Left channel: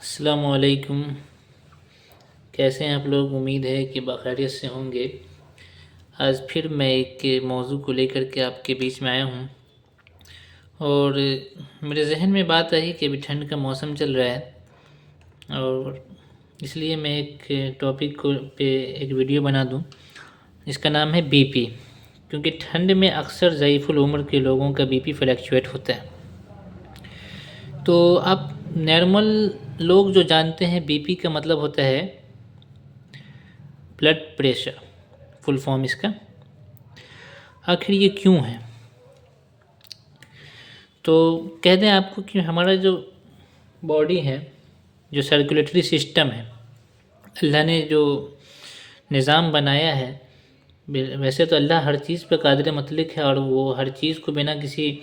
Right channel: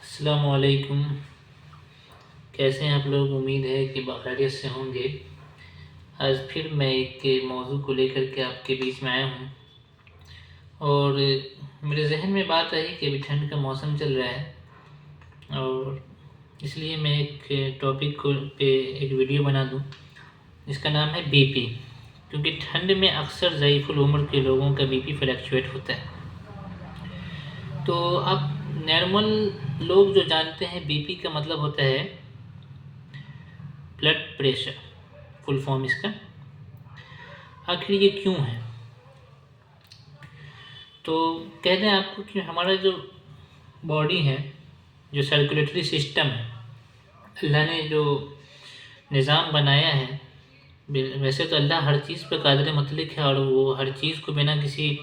अस्सलामुअलैकुम। कैसे हैं आप लोग? उम्मीद है कि बखैरियत से होंगे। आज फिर मैं एक मौजू को लेकर के आपके बीच में आया हूँ और मेरे जहन में बात आई कि अभी ठंड का मौसम चल रहा है और इसलिए मैं एक टॉपिक को पे एक वीडियो बना दूँ। इसका नाम है बीपी, क्योंकि ठंड में अक्सर ज़ईफ़ुल उम्र के लोगों का बीपी फ्लक्चुएट होता है। तो आप नॉर्मल लोग जो जानते हैं बीपी का मतलब होता है ब्लड प्रेशर, फुल फॉर्म इसका। आखिर ये क्यों है? तो कहते हैं आपको कि हमारा जो बॉडी है, जो सर्कुलेटरी सिस्टम है, अल्लाह ने जो निज़ाम बनाया है, वैसे तो अल्लाह हर चीज़ पे कादिर मुतलक है और वो हर चीज़ को बिना किसी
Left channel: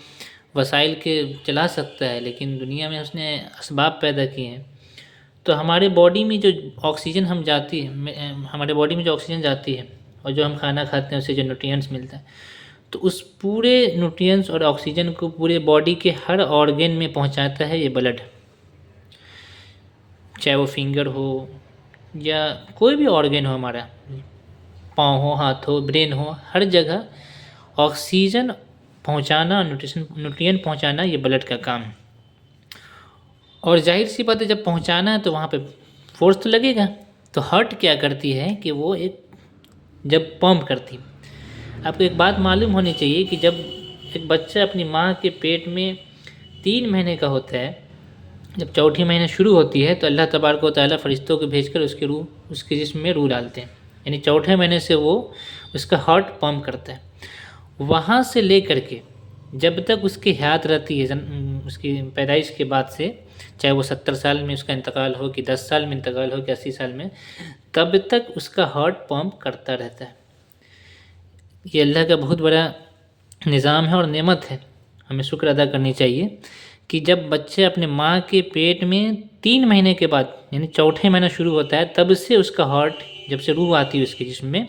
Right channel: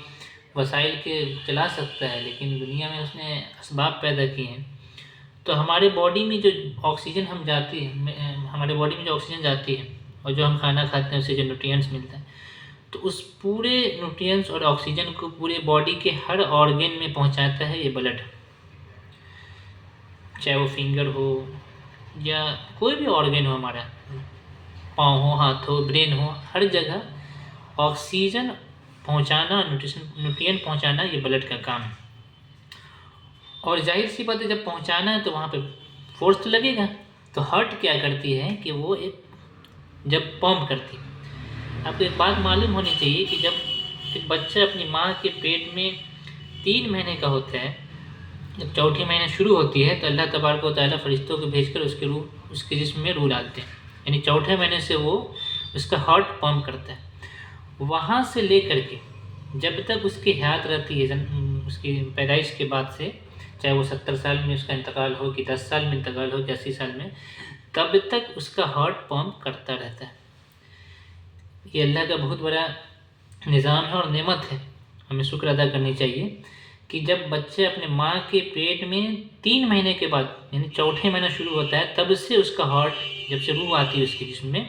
वसाइल के चला सकता है, लेकिन दुनिया में उसने असबाब पैदा किए हैं। तो हमारे बॉडी में जो ऑक्सीजन हमारे बॉडी में जो ऑक्सीजन जाती है और जो हम खाना खाते हैं उससे जो न्यूट्रिएंट्स मिलता है, तो उस पूरे न्यूट्रिएंट्स और ऑक्सीजन को पूरे बॉडी के हर ऑर्गन में पहुंचाता है ये ब्लड। चाहे वो फिंगर हो या कोई भी ऑर्गन हो, हमारा पाँव हो, हाथ हो, ब्रेन हो, हर जगह ऑक्सीजन पहुंचाना, न्यूट्रिएंट पहुंचाना ये ब्लड का काम है। और जाहिर सी बात है, जब पहुंचाना है तो वहाँ पे फोर्स तो लगेगा। तो हार्ट क्या करती है कि वो जब पंप करती है, आपको एक बात मालूम होनी चाहिए कि जब एक बच्चा अपनी माँ के पेट में 3 महीने का होता है, जब चौथे महीने शुरू होती है तो अल्लाह तबारक व तआला फरिश्तों को भेजकर उसके जिस्म में रूह डालते हैं। यानी चौथे महीने से वो उसका हार्ट पंप करता है। वहाँ से ले करके जब तक उसकी हयात रहती है, उसकी पैदाइश के बाद से, चाहे वो 70 साल में उसका इंतकाल हो कि 10 साल में इंतकाल हो कि 80 साल में, तब तक उसका हार्ट पंप करता रहता है। ये अल्लाह का बहुत बड़ा निज़ाम है और नेमत है, हमें शुक्र अदा करनी चाहिए कि जब बच्चे अपने माँ के पेट में 3 महीने के बाद, यानी चौथे महीना शुरू होता है, तब से उसका हार्ट, जब से रूह आती है उसके जिस्म में,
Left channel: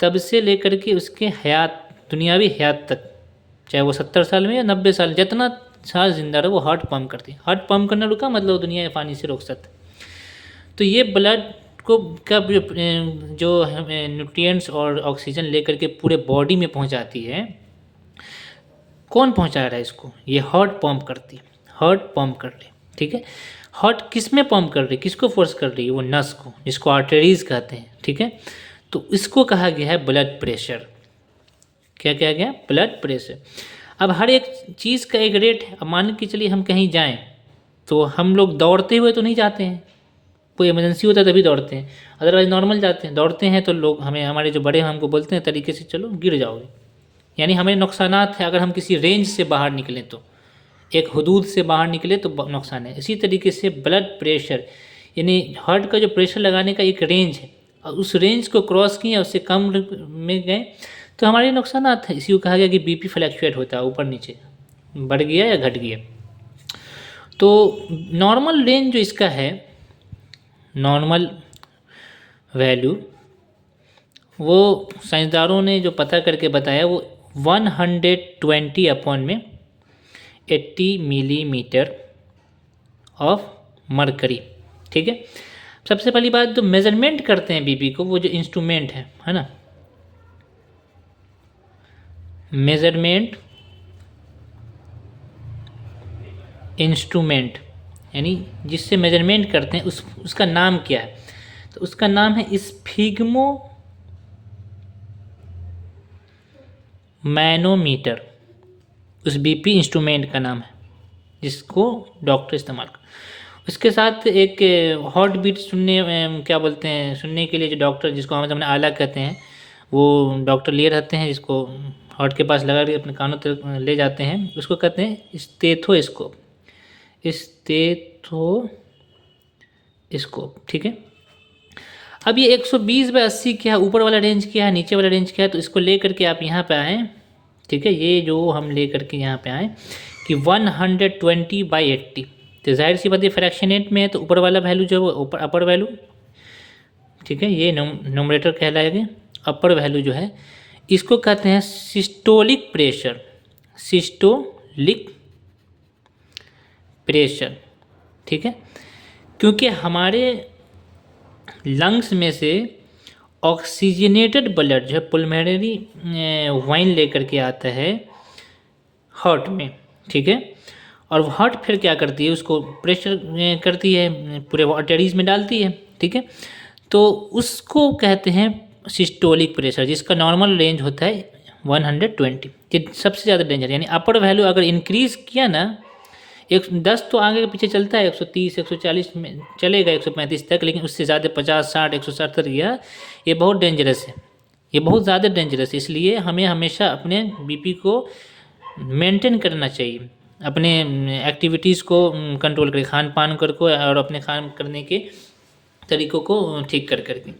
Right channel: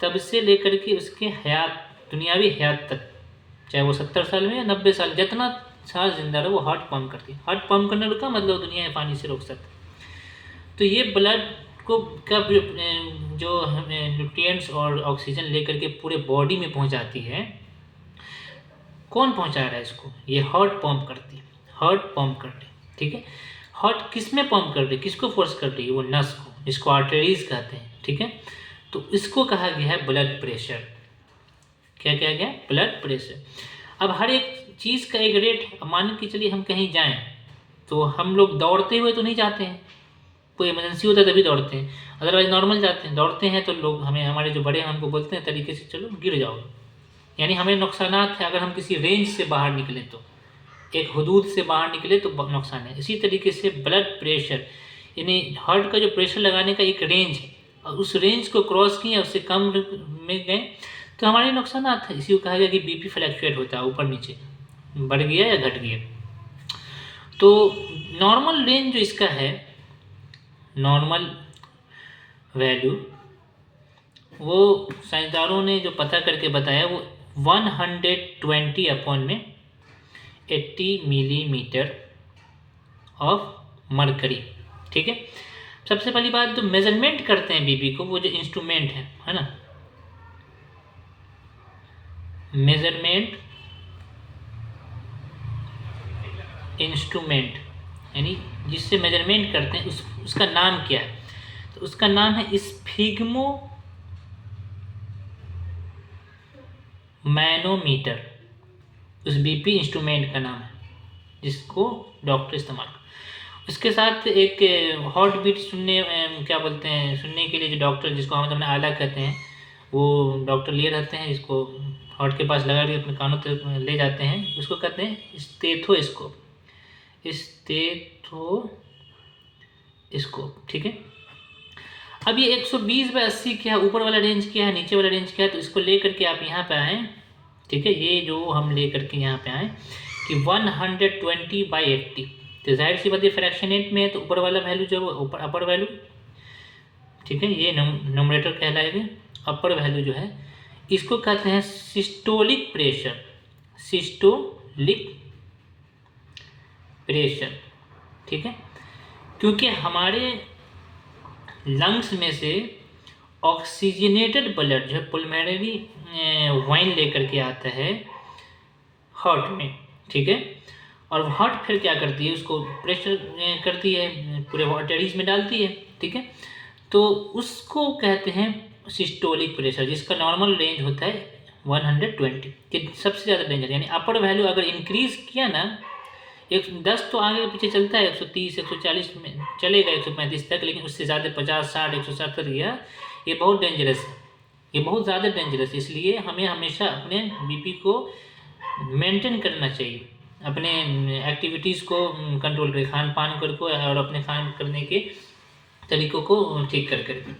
तब से लेकर के उसके हयात, दुनियावी हयात तक, चाहे वो 70 साल में या 90 साल, जितना साल जिंदा रहे, वो हार्ट पंप करती है। हार्ट पंप करना रुका मतलब दुनिया में पानी से रोक सकता। तो ये ब्लड को कब जो न्यूट्रिएंट्स और ऑक्सीजन लेकर के पूरे बॉडी में पहुंचाती है, कौन पहुंचा रहा है इसको? ये हार्ट पंप करती है। हार्ट पंप कर रही, ठीक है। हार्ट किस में पंप कर रही, किसको फोर्स कर रही है? वो नस को, जिसको आर्टरीज कहते हैं, ठीक है। तो इसको कहा गया है ब्लड प्रेशर। क्या कहा गया? Blood pressure. अब हर एक चीज़ का एक रेट है। अब मान के चलिए हम कहीं जाएं तो हम लोग दौड़ते हुए तो नहीं जाते हैं, कोई इमरजेंसी होता है तभी दौड़ते हैं, अदरवाइज नॉर्मल जाते हैं। दौड़ते हैं तो लोग हमें, हमारे जो बड़े हैं हमको बोलते हैं तरीके से, चलो गिर जाओगे, यानी हमें नुकसानात है। अगर हम किसी रेंज से बाहर निकलें, तो एक हदूद से बाहर निकले तो नुकसान है। इसी तरीके से ब्लड प्रेशर, यानी हार्ट का जो प्रेशर लगाने का एक रेंज है, और उस रेंज को क्रॉस किए, उससे कम में गए तो हमारे नुकसानात हैं। इसी को कहा गया कि बीपी फ्लैक्चुएट होता है, ऊपर नीचे बढ़ गया या घट गया। तो नॉर्मल रेंज जो इसका है, नॉर्मल वैल्यू, वो साइंसदानों ने जो पता करके बताया, वो 120 अपॉन में 80 मिलीमीटर ऑफ मरकरी, ठीक है। सबसे पहली बात, जो मेजरमेंट करते हैं बीपी को, वो जो इंस्ट्रूमेंट है ना, मेजरमेंट इंस्ट्रूमेंट, यानी जिससे मेजरमेंट करते हैं उसका नाम क्या है? तो उसका नाम है स्फिग्मो मैनोमीटर। उस बीपी इंस्ट्रूमेंट का नाम है जिसको डॉक्टर इस्तेमाल कर। उसके साथ एक हार्ट बीट सुनने, क्या बोलते हैं, सुनने के लिए जो डॉक्टर, जिसको हम अपने आला कहते हैं, वो डॉक्टर लिए रहते हैं, जिसको हार्ट के पास लगा के अपने कानों तक ले जाते हैं, उसको कहते हैं स्टेथोस्कोप। स्टेथोस्कोप, ठीक है। अब ये 120/80 क्या है, ऊपर वाला रेंज क्या है, नीचे वाला रेंज क्या है, तो इसको लेकर के आप यहाँ पे आएँ, ठीक है। ये जो हम लेकर के यहाँ पे आएँ कि 120/80, तो जाहिर सी बात है फ्रैक्शनेट में है, तो ऊपर वाला वैल्यू जो है वो ऊपर, अपर वैल्यू, ठीक है, ये नोमरेटर कहलाएगा। अपर वैल्यू जो है, इसको कहते हैं सिस्टोलिक प्रेशर। सिस्टोलिक प्रेशर, ठीक है। क्योंकि हमारे लंग्स में से ऑक्सीजनेटेड ब्लड जो है पुलमोनरी वाइन लेकर के आता है हार्ट में, ठीक है। और हार्ट फिर क्या करती है, उसको प्रेशर करती है, पूरे आर्टरीज में डालती है, ठीक है। तो उसको कहते हैं सिस्टोलिक प्रेशर, जिसका नॉर्मल रेंज होता है 120, कि सबसे ज़्यादा डेंजर। यानी अपर वैल्यू अगर इंक्रीज़ किया ना, 110 तो आगे के पीछे चलता है, 130 140 में चलेगा, 135 तक, लेकिन उससे ज़्यादा 50 60 160 तक गया, ये बहुत डेंजरस है, ये बहुत ज़्यादा डेंजरस है। इसलिए हमें हमेशा अपने बीपी को मेंटेन करना चाहिए, अपने एक्टिविटीज़ को कंट्रोल करें, खान पान को और अपने खान करने के तरीक़ों को ठीक कर करके।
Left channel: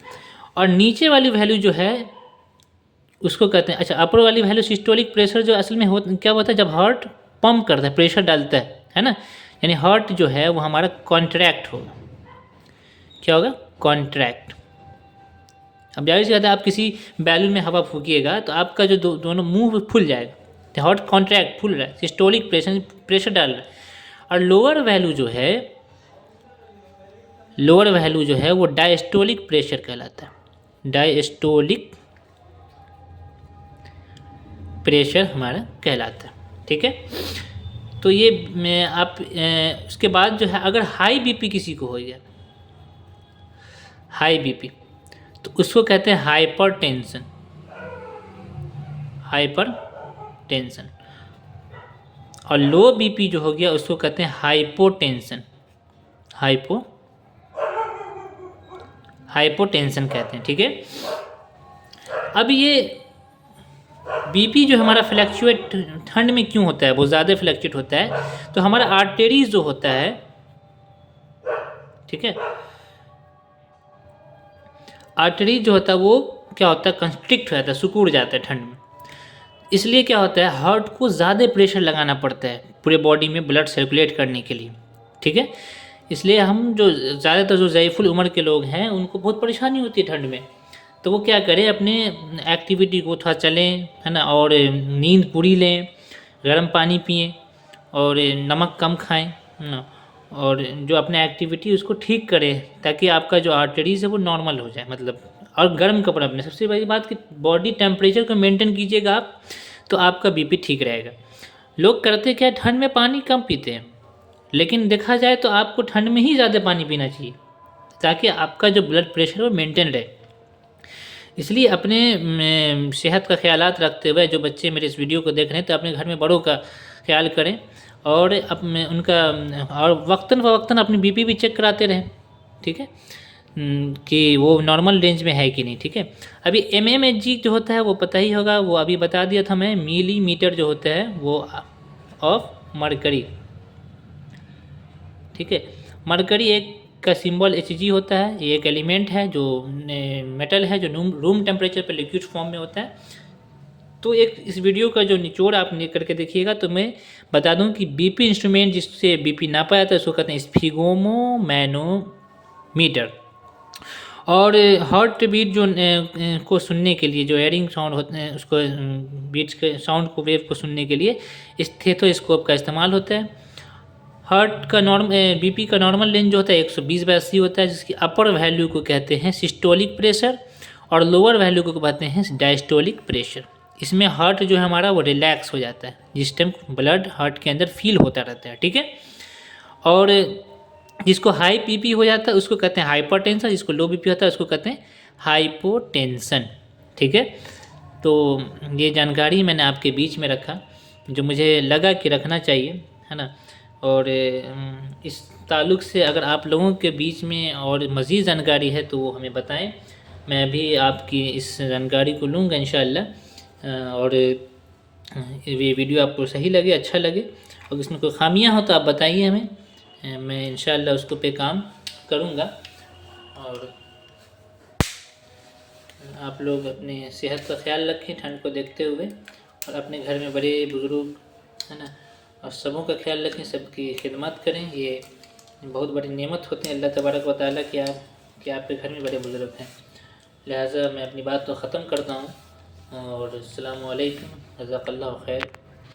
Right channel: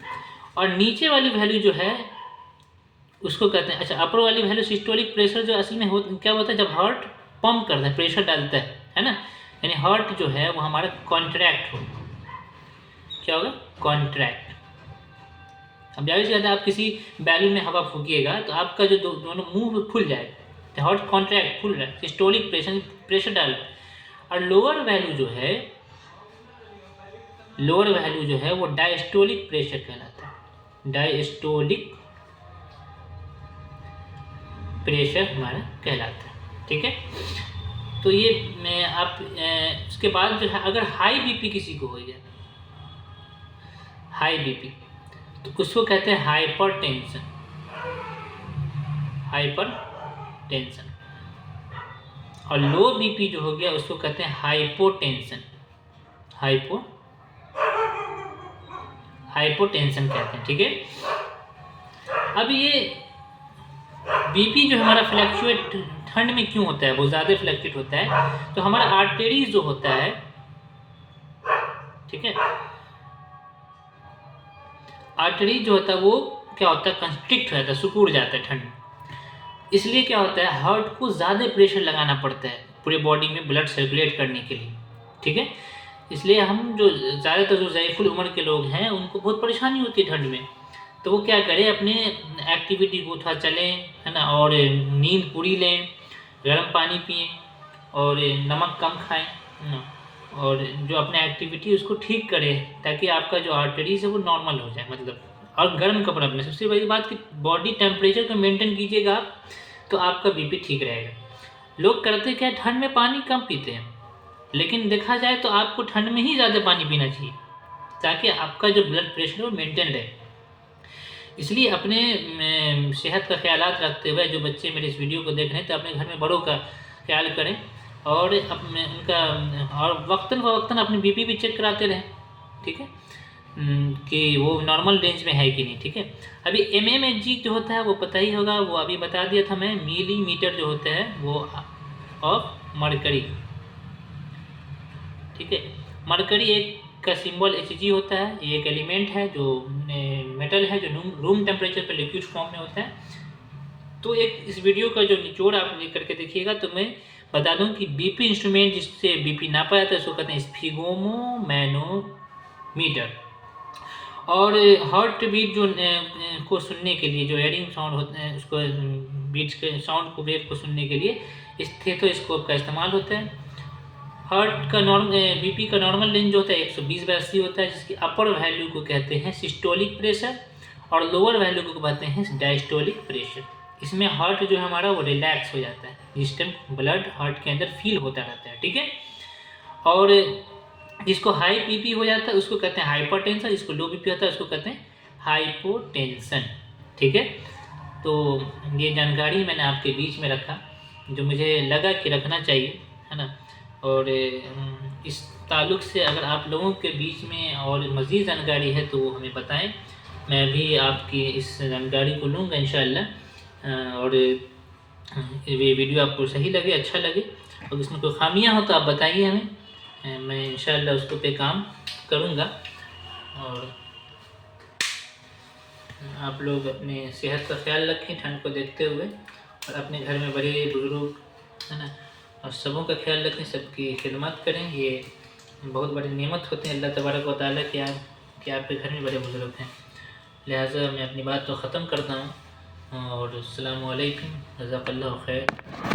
और नीचे वाली वैल्यू जो है उसको कहते हैं, अच्छा अपर वाली वैल्यू सिस्टोलिक प्रेशर, जो असल में क्या होता है, जब हार्ट पंप करता है, प्रेशर डालता है ना, यानी हार्ट जो है वो हमारा कॉन्ट्रैक्ट हो, क्या होगा, कॉन्ट्रैक्ट। अब जाहिर सी बात है, आप किसी बैलून में हवा फूकिएगा तो आपका जो दोनों मुंह फूल जाएगा, तो हार्ट कॉन्ट्रैक्ट फूल रहा है, सिस्टोलिक प्रेशर डाल रहा है। और लोअर वैल्यू जो है वो डायस्टोलिक प्रेशर कहलाता है, डायस्टोलिक प्रेशर हमारा कहलाता है, ठीक है। तो ये आप उसके बाद जो है, अगर हाई बीपी किसी को हो गया, हाई बीपी, तो उसको कहते हैं हाइपरटेंशन, हाइपरटेंशन। और लो बीपी जो हो गया उसको कहते हैं हाइपोटेंशन, हाइपोटेंशन कहते हैं, ठीक है। अब ये बीपी जो हमारा फ्लैक्चुएट ठंड में क्यों होता है, वो ज़्यादा फ्लैक्चुएट होता है, तो हमारा आर्टेरीज जो होता है, ठीक है, आर्टरीज जो होता है वो क्या होता है, कंस्ट्रिक्ट हो जाता है, सिकुड़ जाता है ठंड में। इसलिए क्या होता है, हार्ट को ज़्यादा प्रेशर लगाना पड़ता है पूरे बॉडी में ब्लड सर्कुलेट करने के लिए, ठीक है। इसलिए हम जो ज़्यादातर जो ज़यीफ़ुल उम्र के लोग हैं उनको बहुत परेशानी होती है ठंड में, तो वो क्या करें, अपने एक्टिविटी को थोड़ा चलें, है ना, और नींद पूरी लें, गर्म पानी पिएं और नमक कम खाएं, है ना, और जो अपने एक्टिविटी उसको ठीक करें, ताकि आपका जो आर्टरीज है वो नॉर्मल हो जाए, मतलब। और गर्म कपड़ा पहने, सबसे बड़ी बात कि बॉडी टेम्परेचर को मेंटेन कीजिएगा आप, तो आपका बीपी ठीक रहेगा। लोग करते क्या है, ठंड में पानी कम पीते हैं, लेकिन देखा जाए तो आपको ठंड में ही ज़्यादा पानी पीना चाहिए, ताकि आपका जो ब्लड प्रेशर है वो मेंटेन रहे। इसलिए अपने सेहत का ख्यालात रखते हुए, जो बच्चे मेरे इस वीडियो को देख रहे हैं, तो अपने घर में बड़ों का ख्याल करें और अपने उनका और वक्तन अपनी बीपी भी चेक कराते रहें, ठीक है, कि वो नॉर्मल रेंज में है कि नहीं, ठीक है। अभी mmHg जो होता है वो पता ही होगा, वो अभी बता दिया था मैं, मिलीमीटर जो होता है वो ऑफ मरकरी, ठीक है। मरकरी एक का सिंबल Hg होता है, ये एक एलिमेंट है जो मेटल है, जो रूम टेम्परेचर पर लिक्विड फॉर्म में होता है। तो एक इस वीडियो का जो निचोड़ आप करके देखिएगा, तो मैं बता दूं कि बीपी इंस्ट्रूमेंट जिससे बीपी नापा जाता है उसको कहते हैं स्फिगोमोमैनोमीटर। और हार्ट बीट जो को सुनने के लिए जो एयरिंग साउंड होते हैं, उसको बीट्स के साउंड को, वेव को सुनने के लिए स्टेथोस्कोप का इस्तेमाल होता है। हार्ट का बीपी का नॉर्मल रेंज जो होता है 120/80 होता है, जिसकी अपर वैल्यू को कहते हैं सिस्टोलिक प्रेशर और लोअर वैल्यू को कहते हैं डायस्टोलिक प्रेशर। इसमें हार्ट जो है हमारा वो रिलैक्स हो जाता है, जिस टाइम ब्लड हार्ट के अंदर फील होता रहता है, ठीक है। और जिसको हाई बीपी हो जाता है उसको कहते हैं हाइपरटेंशन, जिसको लो बीपी होता है उसको कहते हैं हाइपोटेंशन, ठीक है। तो ये जानकारी मैंने आपके बीच में रखा, जो मुझे लगा कि रखना चाहिए, है ना। और इस ताल्लुक़ से अगर आप लोगों के बीच में और मज़ीद जानकारी है तो वो हमें बताएं, मैं भी आपकी इस जानकारी को लूँगा इंशाअल्लाह। और ये वीडियो आपको सही लगे, अच्छा लगे, और इसमें कोई खामियां हो तो आप बताइए हमें, मैं इंशाअल्लाह उसको पे काम करूँगा। और आप लोग अपनी सेहत का ख्याल रखें ठंड को देखते हुए, और अपने घर में बड़े बुज़ुर्ग, है ना, और सबों का ख्याल रखें, सबकी खिदमत करें। ये बहुत बड़ी नेमत होते हैं अल्लाह तबारक व तआला कि आपके घर में बड़े बुज़ुर्ग हैं। लिहाजा मैं अपनी बात को ख़त्म करता हूँ, और अस्सलामु अलैकुम, जज़ाकल्लाहु खैर।